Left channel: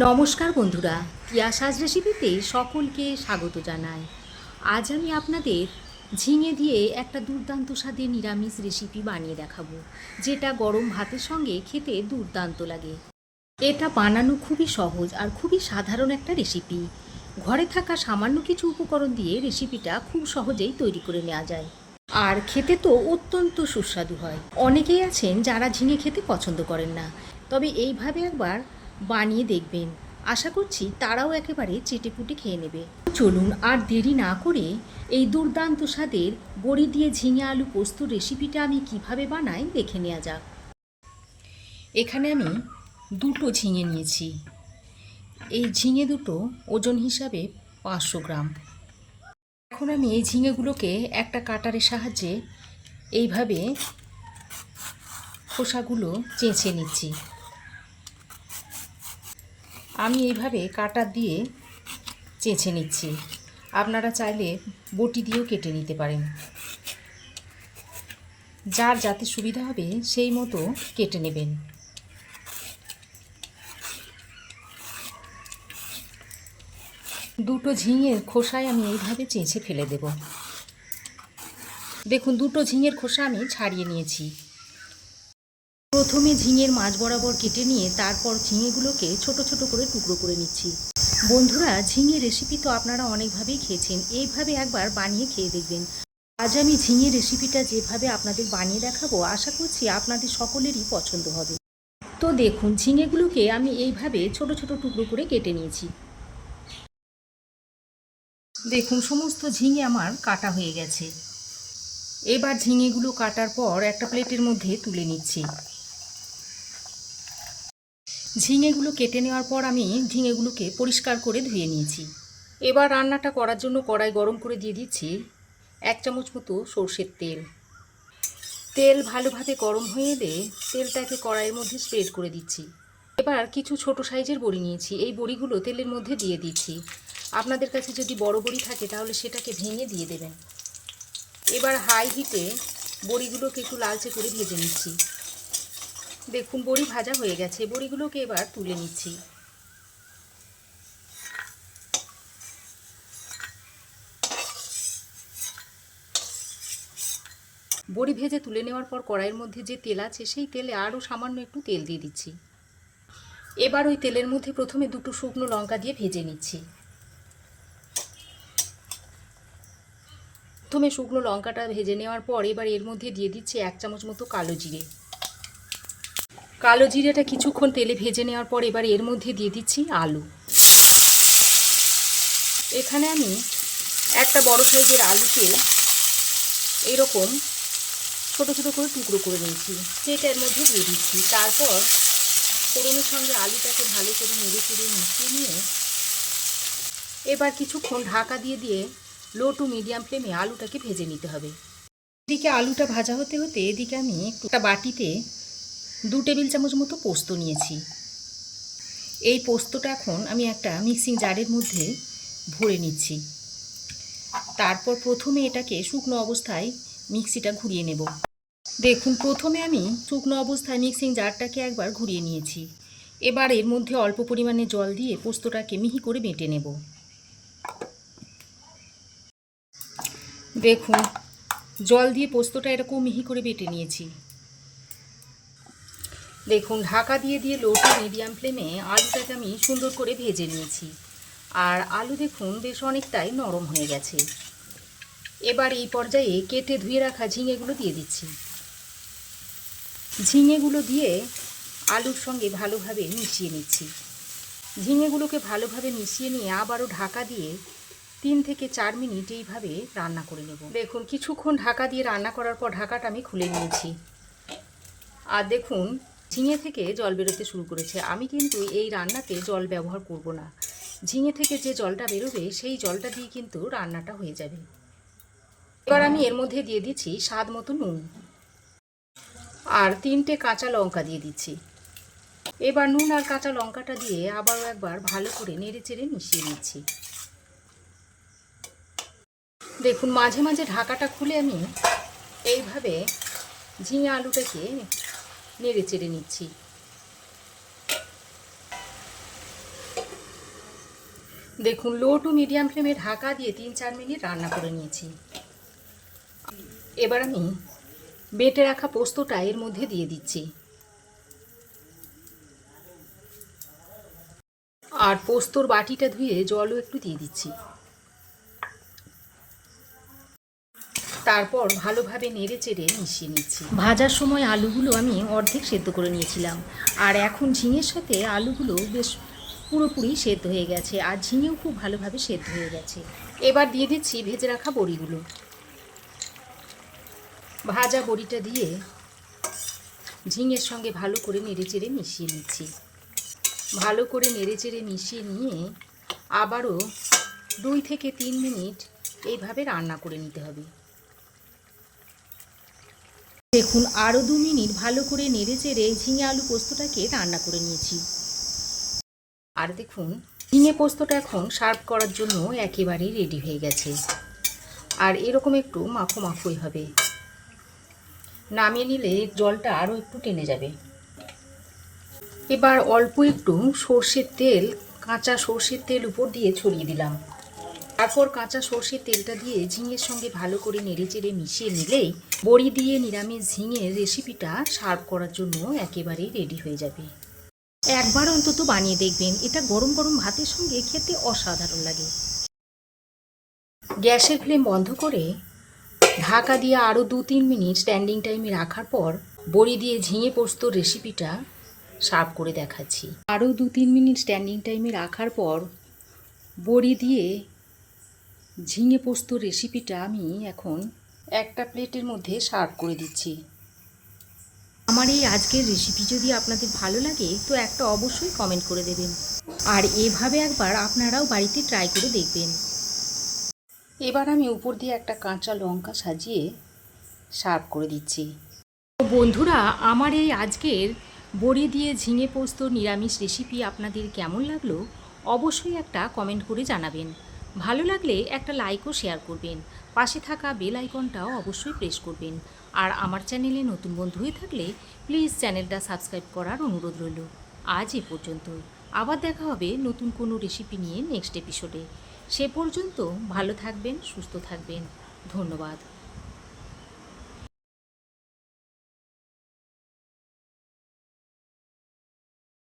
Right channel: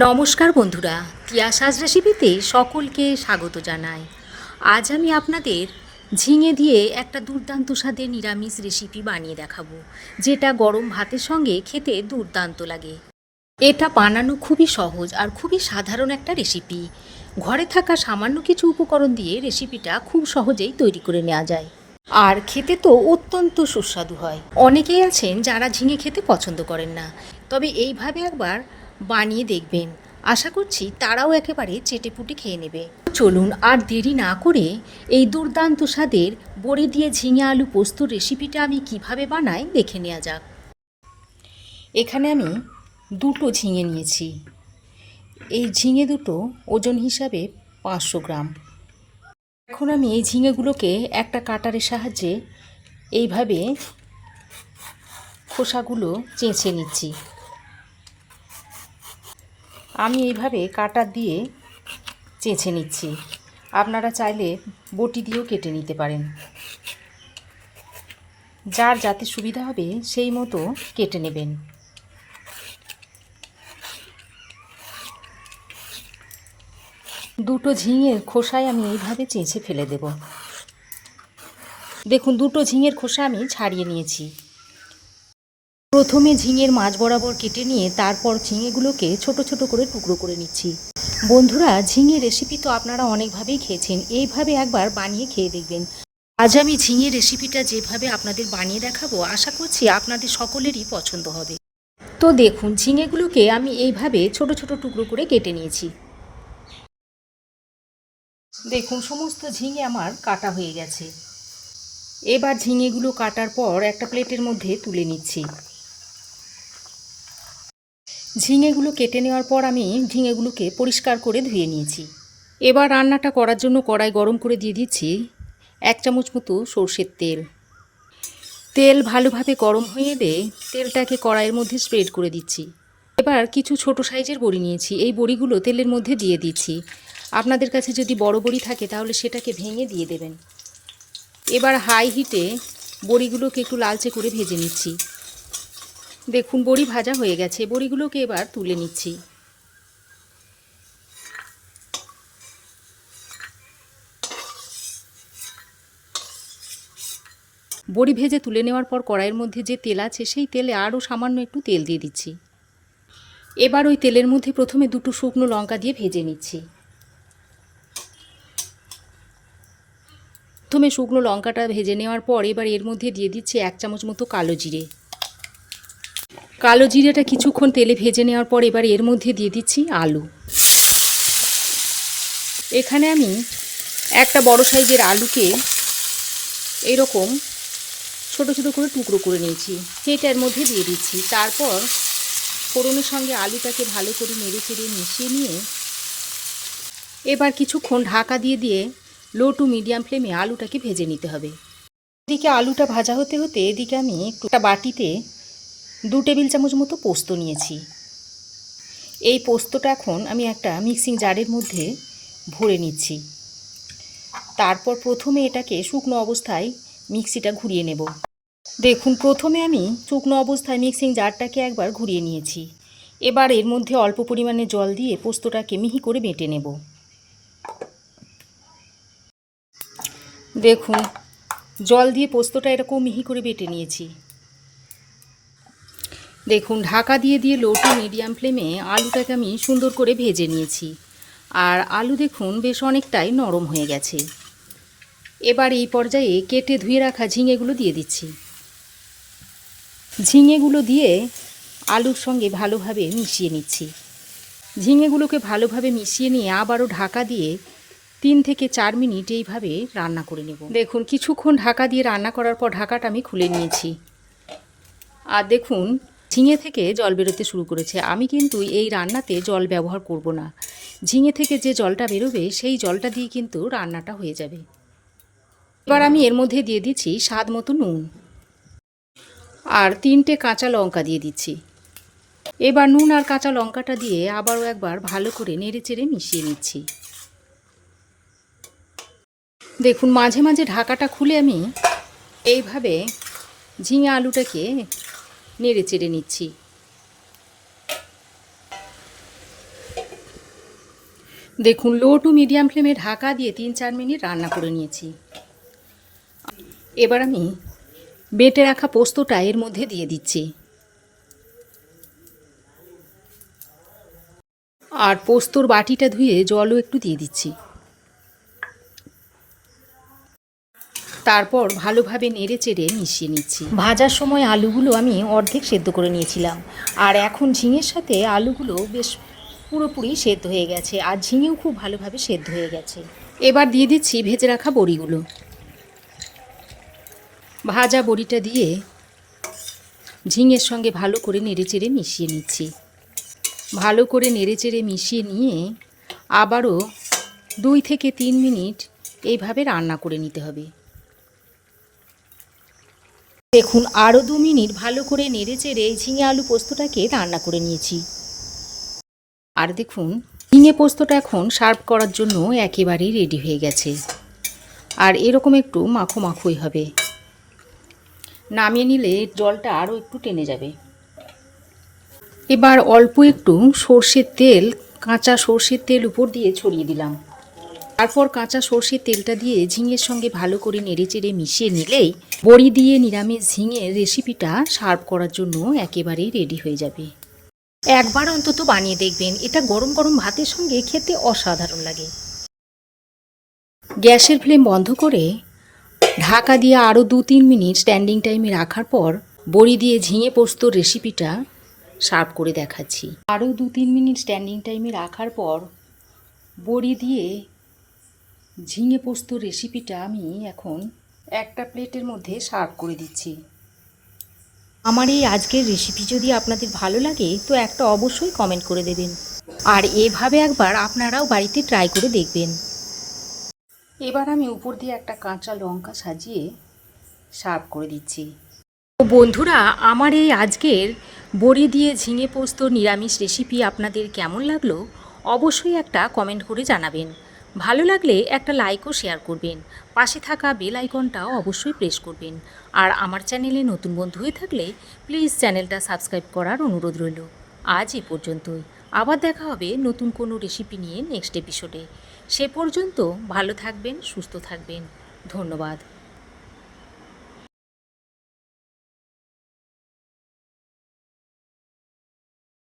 নমস্কার বন্ধুরা, তিয়াশাস রেসিপিতে সকলকে স্বাগত জানাই। আজ আমি আপনাদের ঝিঙে দিয়ে একটা দুর্দান্ত স্বাদের নিরামিষ রেসিপি বানিয়ে দেখাবো, যেটা গরম ভাতের সঙ্গে খেতে দুর্দান্ত লাগে। এটা বানানো খুবই সহজ আর খুবই সাধারণ একটা রেসিপি। ঘরে থাকা সামান্য কিছু উপকরণ দিয়ে রেসিপিটা খুব সহজেই তৈরি করে নেওয়া যায়, আর খেতে তো অত্যন্ত সুস্বাদু হয়। অনেকেই আছেন যারা ঝিঙে খেতে পছন্দ করেন না, তবে এইভাবে একবার বানিয়ে দেখবেন, আশা করছি তারাও একেবারে চেটেপুটে খেয়ে নেবে। চলুন আর দেরি না করে এই দুর্দান্ত স্বাদের বড়ি দিয়ে ঝিঙে আলু পোস্তর রেসিপিটা আমি কিভাবে বানাই দেখে নেওয়া যাক। এখানে আমি দুটো ঝিঙে নিয়েছি। এই ঝিঙে দুটো ওজন হিসাবে 500 গ্রাম। এখন আমি এই ঝিঙেগুলোকে একটা কাটারের সাহায্যে এইভাবে খোসাগুলো চেঁচে নিচ্ছি। আমি এইভাবে কাটার দিয়ে চেঁচে নিচ্ছি, আপনারা চাইলে বটি দিয়েও কেটে নিতে পারেন। যার যাতে সুবিধা হবে সেই মতো কেটে নেবেন। দুটো ঝিঙের খোসায় আমি এইভাবে চেঁচে ফেলে দেব। দেখুন, দুটো ঝিঙের খোসা আমি ছাড়িয়ে নিয়েছি। প্রথমে ঝিঙের মাঝ বরাবর কেটে নিয়ে তারপর ঝিঙেগুলোকে ছোট ছোট করে টুকরো করে নিচ্ছি। বন্ধুরা, ঝিঙে রেসিপি তো আপনারা অনেকভাবেই খেয়েছেন, এইভাবে একবার বানিয়ে খেয়ে দেখবেন। আজ আমি ঝিঙে রেসিপিটা যেভাবে আপনাদের বানিয়ে দেখাবো, আশা করছি আপনাদের সকলেরই পছন্দ হবে। তো দেখুন, ঝিঙেগুলোকে আমি এইভাবে ছোট ছোট টুকরো করে কেটে নিয়েছি। দেখুন, সমস্ত ঝিঙে আমার কাটা হয়ে গেছে। এবার ঝিঙেগুলো কাটার পর একটা প্লেটের মধ্যে তুলে নিচ্ছি। ঝিঙেগুলো কেটে নেওয়ার পর আমি ঝিঙেগুলোকে পরিষ্কার করে ধুয়ে নিয়েছি। এবার রান্নাটা করার জন্য কড়াই গরম করে দিয়ে দিচ্ছি 1 চামচ মতো সর্ষের তেল। তেল ভালোভাবে গরম হয়ে এলে তেলটাকে কড়াইয়ের মধ্যে স্প্রেড করে দিচ্ছি। এবার কিছু ছোট সাইজের বড়ি নিয়েছি, এই বড়িগুলো তেলের মধ্যে দিয়ে দিচ্ছি। আপনাদের কাছে যদি বড় বড়ি থাকে তাহলে সেটাকে ভেঙে দিয়ে দেবেন। এবার হাই হিটে বড়িগুলোকে একটু লালচে করে ভেজে নিচ্ছি। দেখুন, বড়ি ভাজা হয়ে গেছে, বড়িগুলোকে এবার তুলে নিচ্ছি। বড়ি ভেজে তুলে নেওয়ার পর কড়াইয়ের মধ্যে যে তেল আছে সেই তেলে আরও সামান্য একটু তেল দিয়ে দিচ্ছি। এবার ওই তেলের মধ্যে প্রথমে দুটো শুকনো লঙ্কা দিয়ে ভেজে নিচ্ছি। প্রথমে শুকনো লঙ্কাটা ভেজে নেওয়ার পর এবার এর মধ্যে দিয়ে দিচ্ছি 1 চামচ মতো কালো জিরে। কালো জিরেটা কিছুক্ষণ তেলে ভেজে নেওয়ার পর এবার এর মধ্যে দিয়ে দিচ্ছি আলু। এখানে আমি একটা বড় সাইজের আলুকে এরকম ছোট ছোট করে টুকরো করে নিয়েছি, সেটা এর মধ্যে দিয়ে দিচ্ছি। তারপর ফোড়নের সঙ্গে আলুটাকে ভালো করে নেড়ে চেড়ে মিশিয়ে নিয়ে এবার কিছুক্ষণ ঢাকা দিয়ে দিয়ে লো টু মিডিয়াম ফ্লেমে আলুটাকে ভেজে নিতে হবে। এদিকে আলুটা ভাজা হতে হতে এদিকে আমি একটা বাটিতে 2 টেবিল চামচ মতো পোস্ত নিয়েছি। এই পোস্তটা এখন আমি একটা মিক্সিং জারের মধ্যে ভরে নিচ্ছি। তারপর প্রথমে এটাকে শুকনো অবস্থায় মিক্সিটা ঘুরিয়ে নেব। দেখুন, প্রথমে আমি শুকনো অবস্থায় মিক্সিং জারটাকে একবার ঘুরিয়ে নিয়েছি। এবার এর মধ্যে অল্প পরিমাণে জল দিয়ে পোস্তটাকে মিহি করে বেটে নেব। দেখুন, জল দিয়ে পোস্তটা এরকম মিহি করে বেটে নিয়েছি। দেখুন, ঢাকা দিয়ে দিয়ে লো টু মিডিয়াম ফ্লেমে আলুটাকে আমি সুন্দর করে ভেজে নিয়েছি। আর আলু দেখুন বেশ অনেকটাই নরম হয়ে গেছে। এবার এই পর্যায়ে কেটে ধুয়ে রাখা ঝিঙেগুলো দিয়ে দিচ্ছি। ঝিঙেগুলো দিয়ে আলুর সঙ্গে ভালোভাবে মিশিয়ে নিচ্ছি। ঝিঙেগুলোকে ভালোভাবে মিশিয়ে নিয়ে আবারও ঢাকা দিয়ে 3 থেকে 4 মিনিট এইভাবে রান্না করে নেব। দেখুন, কিছুক্ষণ ঢাকা দিয়ে রান্না করার পর ঢাকাটা আমি খুলে নিয়েছি। আর দেখুন, ঝিঙে থেকে জল বেরোতে শুরু করেছে। আমি কিন্তু এই রান্নাতে জল ব্যবহার করব না। ঝিঙে থেকে যে জলটা বেরোবে সেই জলটা দিয়ে কিন্তু রান্নাটা হয়ে যাবে। এবার আমি এর মধ্যে দিয়ে দিচ্ছি স্বাদ মতো নুন আর 3টে কাঁচা লঙ্কা দিয়ে দিচ্ছি। এবার নুন আর কাঁচা লঙ্কাটা দিয়ে আবারও একবার ভালো করে নেড়ে চেড়ে মিশিয়ে নিচ্ছি। দেখুন, মাঝে মাঝে ঢাকাটা খুলে আমি এইভাবে ঝিঙে আলুটাকে নেড়ে চেড়ে নিচ্ছি। দেখুন, লো টু মিডিয়াম ফ্লেমে ঢাকা দিয়ে 3-4 মিনিট রান্না করে নিয়েছি। এবার আমি বেটে রাখা পোস্তটা এর মধ্যে দিয়ে দিচ্ছি। আর পোস্তর বাটিটা ধুয়ে জলও একটু দিয়ে দিচ্ছি। তারপর ভালোভাবে নেড়ে চেড়ে মিশিয়ে নিচ্ছি। ভাজার সময় আলুগুলো আমি অর্ধেক সেদ্ধ করে নিয়েছিলাম, আর এখন ঝিঙের সাথে আলুগুলো বেশ পুরোপুরি সেদ্ধ হয়ে গেছে, আর ঝিঙেও খুব ভালোভাবে সেদ্ধ হয়ে গেছে। এবার দিয়ে দিচ্ছি ভেজে রাখা বড়িগুলো। ভাজা বড়িটা দিয়ে ঝিঙের সঙ্গে ভালো করে নেড়ে চেড়ে মিশিয়ে নিচ্ছি। ভালো করে নেড়ে চেড়ে মিশিয়ে নিয়ে আবারও 2 থেকে 3 মিনিট এইভাবে রান্না করে নিতে হবে। দেখুন, আরও 2 মিনিট ভালো করে নেড়ে চেড়ে ঝিঙে আলু পোস্তটাকে রান্না করে নিয়েছি। আর দেখুন, ঝিঙে পোস্তটা এখন সার্ভ করার জন্য একেবারেই রেডি হয়ে গেছে। আর এরকম একটু মাখো মাখোই হবে। নামিয়ে নিলে জলটা আরও একটু টেনে যাবে। এবার অল্প একটু সর্ষের তেল, কাঁচা সর্ষের তেল উপর দিয়ে ছড়িয়ে দিলাম। তারপর কাঁচা সর্ষের তেলটা দিয়ে ঝিঙের সঙ্গে ভালো করে নেড়েচেড়ে মিশিয়ে নিলেই বড়ি দিয়ে নিরামিষ ঝিঙের রেসিপিটা সার্ভ করার জন্য একেবারেই রেডি হয়ে যাবে। একবার অন্তত বানিয়ে দেখবেন, এটা গরম গরম ভাতের সঙ্গে খেতে অসাধারণ লাগে। গ্যাসের ফ্লেম বন্ধ করে ঢাকা দিয়ে আরও 2-3 মিনিট স্ট্যান্ডিং টাইমে রাখার পর বড়ি দিয়ে ঝিঙে পোস্তর রেসিপিটা সার্ভ করে দেখাচ্ছি। আরও 2-3 মিনিট স্ট্যান্ডিং টাইমে রাখার পর বড়ি দিয়ে ঝিঙে পোস্তর রেসিপিটা আমি এখন একটা প্লেটের মধ্যে সার্ভ করে দিচ্ছি। আমার এই আজকের রেসিপি যদি আপনাদের ভালো লাগে তো একটা অবশ্যই কমেন্ট করে দেবেন, আর এভাবে একবার আপনারাও বাড়িতে ট্রাই করে দেখবেন। এবার আমি উপর দিয়ে একটা কাঁচা লঙ্কা সাজিয়ে সার্ভ করে দিচ্ছি। তো বন্ধুরা, আমার এই আজকের বড়ি দিয়ে ঝিঙে পোস্ত নিরামিষ রেসিপি আপনাদের কেমন লাগলো অবশ্যই একটা কমেন্ট করে জানাবেন। ভালো লাগলে একটা লাইক ও শেয়ার করবেন। পাশে থাকা বেল আইকনটাও অবশ্যই প্রেস করবেন। আর আমার চ্যানেলে নতুন বন্ধু হয়ে থাকলে প্লিজ চ্যানেলটা সাবস্ক্রাইব করার অনুরোধ রইল। আজ এ পর্যন্তই। আবার দেখা হবে নতুন কোনো রেসিপি নিয়ে নেক্সট এপিসোডে। সে পর্যন্ত ভালো থাকবেন, সুস্থ থাকবেন। ধন্যবাদ।